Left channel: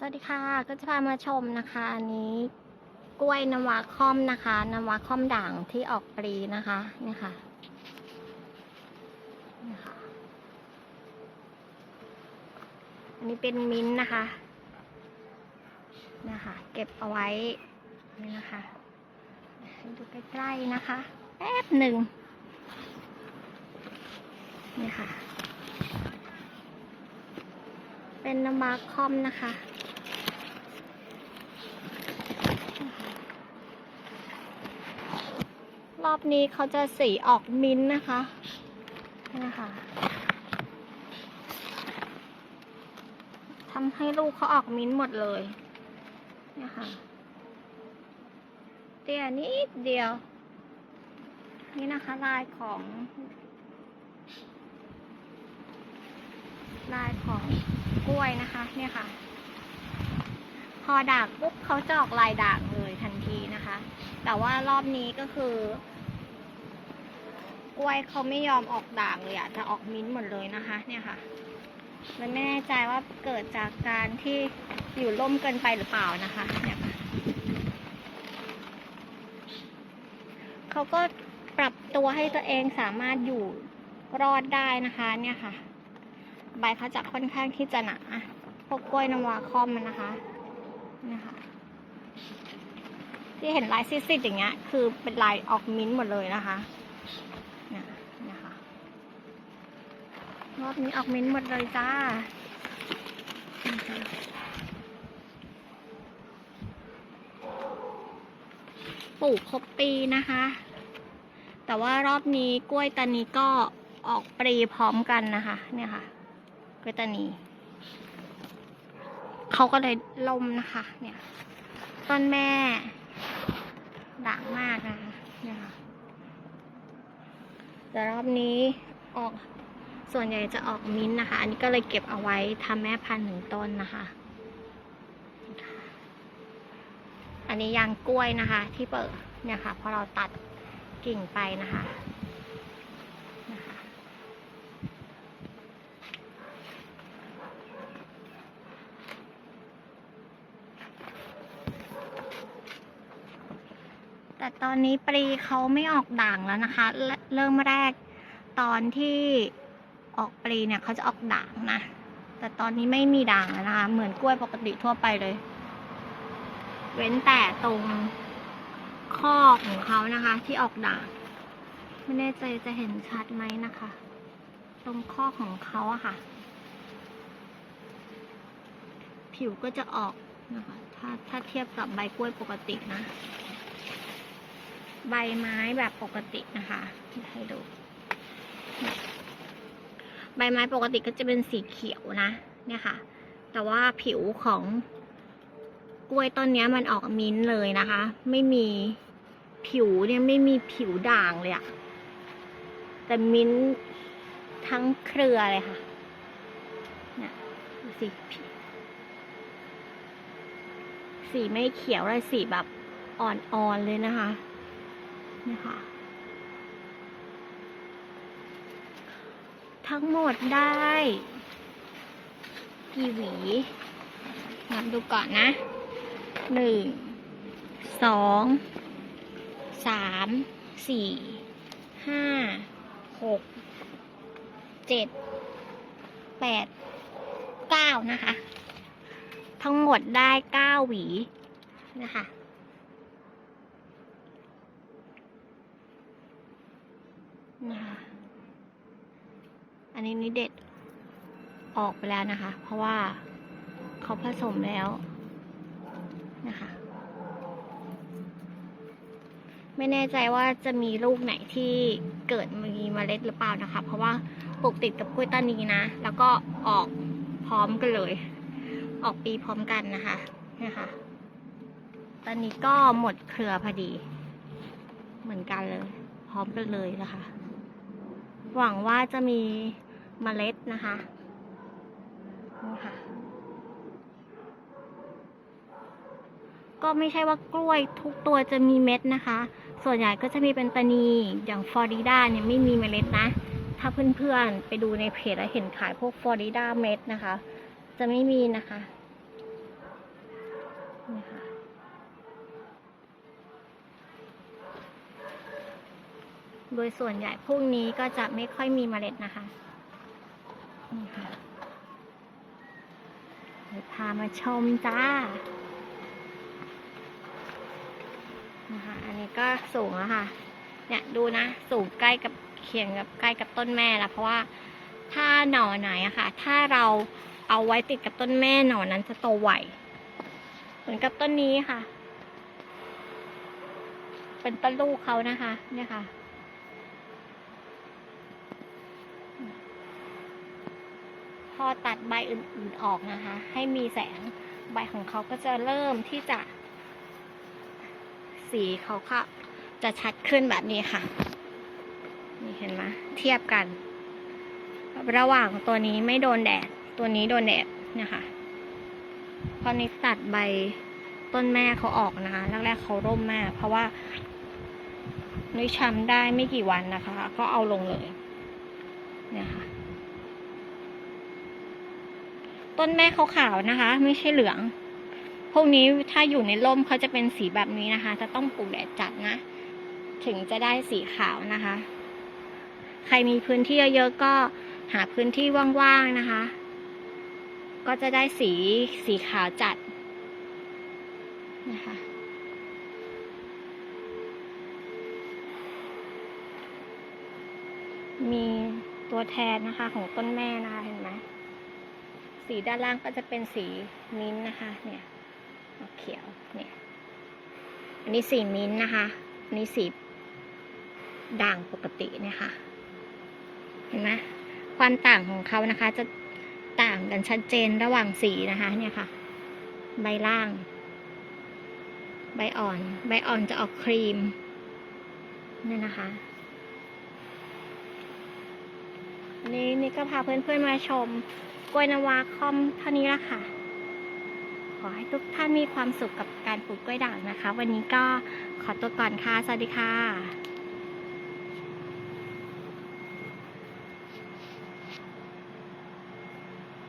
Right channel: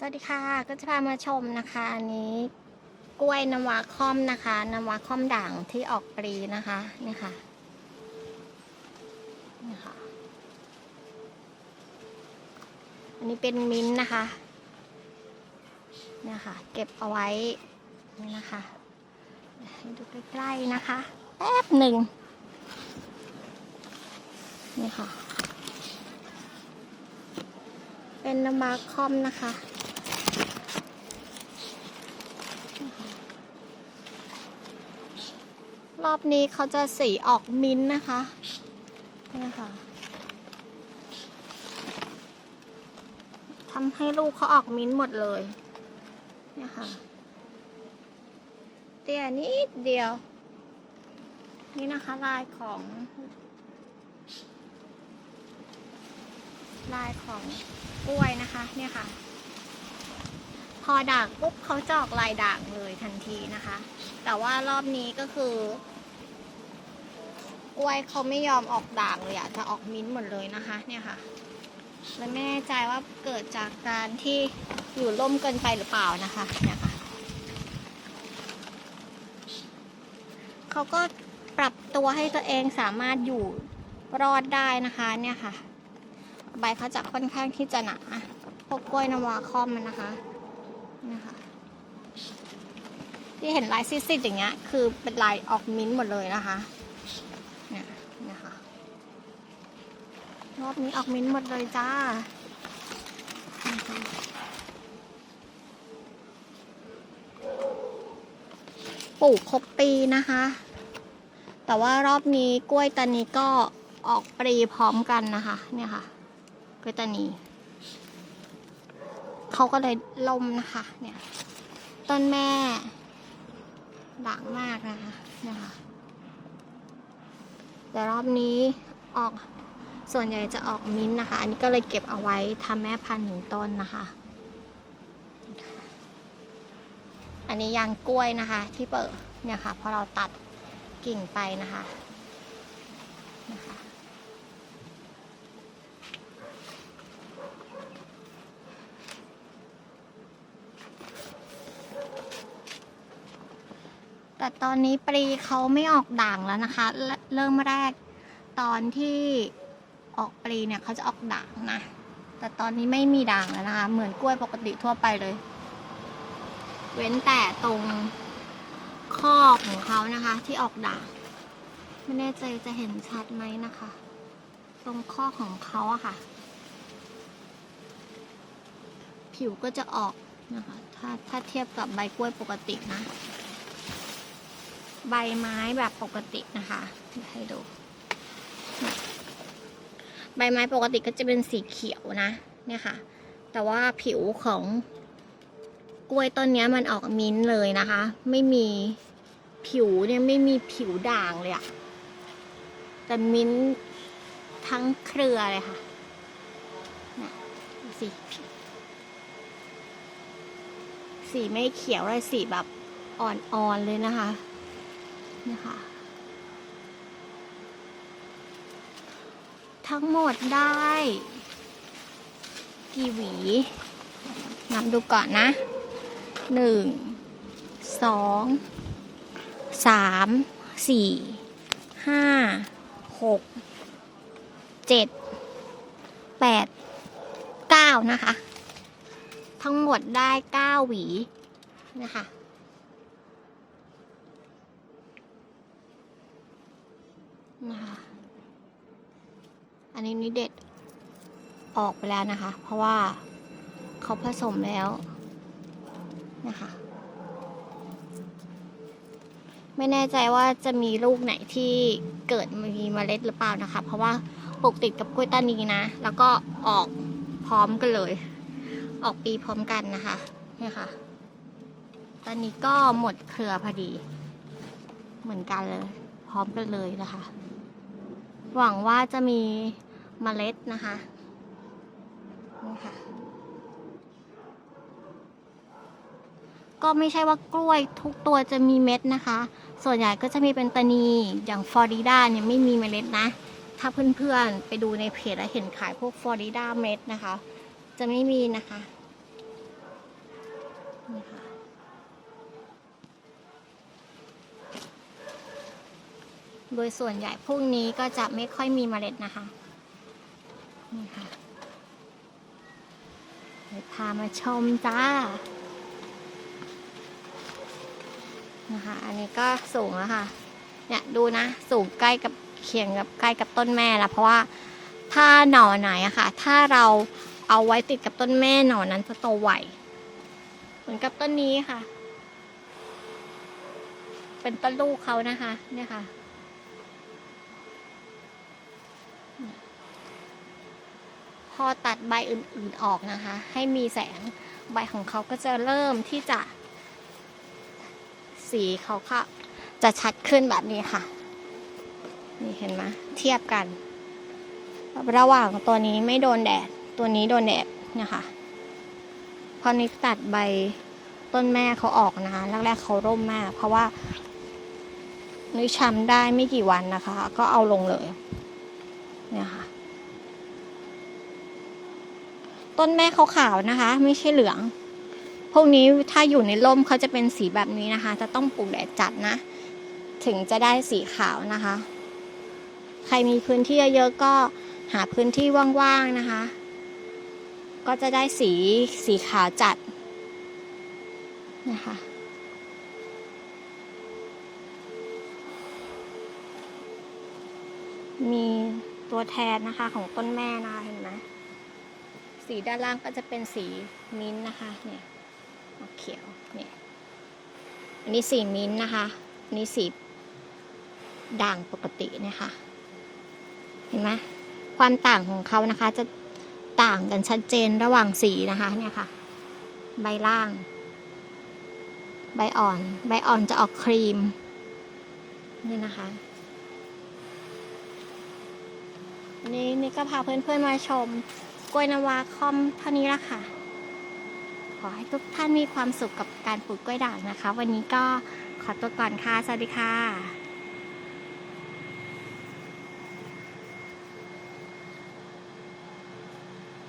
สวัสดีค่ะ ก็จะพามาชมนะคะอันนี้กล้วยน้ำว้าค่อมนะคะน้ำว้าค่อมด่างที่ออกปลีนะคะนี่ค่ะนี่ค่ะอันนี้เป็นมิ้นนะคะนี่ค่ะ เก็บเอาไว้นี่นะคะให้ดูใกล้ๆนะคะแป๊บหนึ่งนี่ค่ะ เป็นน้ำว้าคอมนะคะ รอบนี้เขาจะสีออกมิ้นท์นะคะนี่นะคะทำให้ลูกเขาออกมิ้นท์หมดเลยนี่ค่ะเตี้ยนิดเดียว นี่นะคะลายของ ลายของกล้วยนะคะเนี่ยค่ะ พอด่างปุ๊บเขาจะออกลายด่างเลยทันทีนะคะ แต่ว่ารอบนี้ก็คือ กล้วยเขาไม่ยอมออกด่างเลยอะจะออกมิ้นท์หมดเลยนะคะ เนี่ยค่ะ มันไม่แน่ใจว่าเกิดจากการที่อยู่ร่มเกินไปหรือเปล่านะคะเนี่ยค่ะเขาก็ปรับตัวให้ตัวเองสามารถอยู่รอดได้นะคะ เนี่ยค่ะ ใบเขาจะค่อนข้างที่จะหนาพวกกล้วยนวาคอมมันนะคะเนี่ยค่ะที่เห็นลายซิดๆอย่างเงี้ย คือเป็นลายออกมิ้นท์หมดเลยนะคะ เนี่ยนะคะรอบนี้ออกมิ้นหมดเลยจ้าปลูกครบปีนะคะ แต่ว่ารอบนี้กล้วยตานีก็ออกปรีพร้อมกันนะคะ เนี่ยค่ะ กล้วยตานีเขาก็เลยล่มนะคะ เนี่ย ต้นแม่ด่างมากนะคะเนี่ยค่ะ แต่รอบนี้ออกส่วนใหญ่จะออกมิ้นนะคะ อันนี้ก็เลยเก็บเอาไว้ทำแม่พันธุ์หนึ่งต้นนะคะ อันนี้ยางกล้วยนะคะ ที่เปิดเนี่ยค่ะพอเราตัดกิ่งไปนะคะ แต่ตอนนี้ปลีเขาไม่ออกด่างแล้วนะคะ เริ่มแรกตอนที่ออกปลีเนี่ยเขาจะออกด่างนะ แต่ตอนนี้ไม่มีด่างแล้วนะคะ เหมือนกล้วยปกติทั่วไปเลย เว้นแต่ตรงข้อของเขานะคะ ที่ออกด่าง ไม่แน่ใจจะเห็นชัดไหมนะคะ ตรงข้อของเขาอะค่ะ ผิวก็จะออกนะคะ ถ้าถ้าเทียบกับใบกล้วยปกตินะ ใบไม้แบบปกตินะคะให้ดู ใบไม้ปกติก็จะเป็นสีเขียวนะเนี่ยค่ะ แต่ว่าผิวของกล้วยต้นนี้มันออกมิ้นท์เลยนะคะ ไม่มีผิวเนี่ยไม่มีผิวด่างเลยอะแต่มิ้นท์ทั้งเครือเลยค่ะเนี่ยดูสิสีไม่เขียวเลยสีแบบอ่อนๆเลยนะคะ นี่ค่ะ ทั้งหมดได้ กี่หวีนับดูก่อนนะหนึ่งสองสามสี่ห้าหกเจ็ดแปดเก้านะคะ ทั้งหมดได้เก้าหวีนะคะ อันนี้นี่เด็ดออกไปแล้วนะคะ เพราะว่าเขาผสมแล้วนะคะ ไม่แน่ใจว่าจะมีลูกไหนที่เกิดมีเมล็ดหรือเปล่านะคะ เพราะว่าปลูกติดกับกล้วยตานีนะ แล้วก็ออกพร้อมกันเลย ออกปีพร้อมกันนะคะนะคะ ตอนนี้ก็หมดเครือพอดี เหมือนกันเลย พร้อมกันเลยนะคะ หวังว่าจะมี เมล็ดนะคะนี่ค่ะ ก็ไม่ใช่ว่ากล้วยทุกตัวจะมีเม็ดนะคะ ส่วนใหญ่ก็จะมีเป็นตานีอย่างฟลอริดาเนี่ยไม่มีเมล็ดนะ ถ้าเพื่อนๆไปดูในเพจแล้วเห็นขายพวกฟลอริดาเม็ดนะคะ จะไม่มีนะคะนี่ค่ะโดยส่วนใหญ่พวกนี้ก็จะไม่ค่อยมีเมล็ดนะคะ นี่ค่ะเดี๋ยวพามาชมจ้านะคะอันนี้ก็สูงแล้วค่ะ เนี่ยดูนะ สูงใกล้กับเคียงกับใกล้กับต้นแม่แล้วเพราะว่าถ้าหน่อไหนอะค่ะ ถ้าเราเอาไว้ติดกับต้นแม่หน่อนั้นจะโตไวเหมือนกับต้นนี้ค่ะ เป็นต้นลูกเขานะคะ เนี่ยค่ะ พอตัดใบอื่นๆออกนะคะ ให้มีแสงใบของเขาก็จะเริ่มที่จะ สีเขาก็จะชัดขึ้นแบบนี้ค่ะ นี่เห็นไหมเทียบกัน ระหว่างตัวนี้ไม่โดนแดด ตัวนี้โดนแดดเนี่ยค่ะพอนี้ตัดใบต้นแม่เขาออกนะคะแรกๆเขาร่มมาก เพราะว่านุ้ยช้ำได้ไม่กี่วันนะคะ ก็เอาลงเลยเนี่ยค่ะ ต้นแม่เขาขาวนะคะ ไม่ใช่เหลือง พวกนี้ถ้าอยู่ในร่มเขาจะเป็นสีแบบนี้นะคะ จะต้องปลูกแดดจัดนะ ถึงจะได้สีขาวนะคะ ใครมีพื้นที่เยอะๆก็หาพื้นที่ว่างๆนะคะ ก็จะได้สีสีขาวจัดนะคะมีตัวแทนนะคะของต้นแม่นะคะเห็นไหม สีด้านล่างก็จะเป็นสีมิ้นท์นะคะเนี่ยออกเขียวเนี่ยอันนี้สีมิ้นท์นะคะอันนี้สีด่างปกติเนี่ยค่ะเห็นไหมความต่างของเขานะคะ จะต่างกันชัดเจนระหว่างสีนะคะเนี่ยค่ะ ใบล่าง ใบอ่อน ใบอ่อนจะออกครีมเนี่ยนะคะนนี้นี่ก็พาเพื่อนๆมาชม กล้วยนาวาคอมเท่านี้ละค่ะ ขอให้ทุกท่านมีความสุขกับการปลูกกล้วยด่างนะคะ วันนี้ก็ขอตัวก่อนค่ะ สวัสดีค่ะ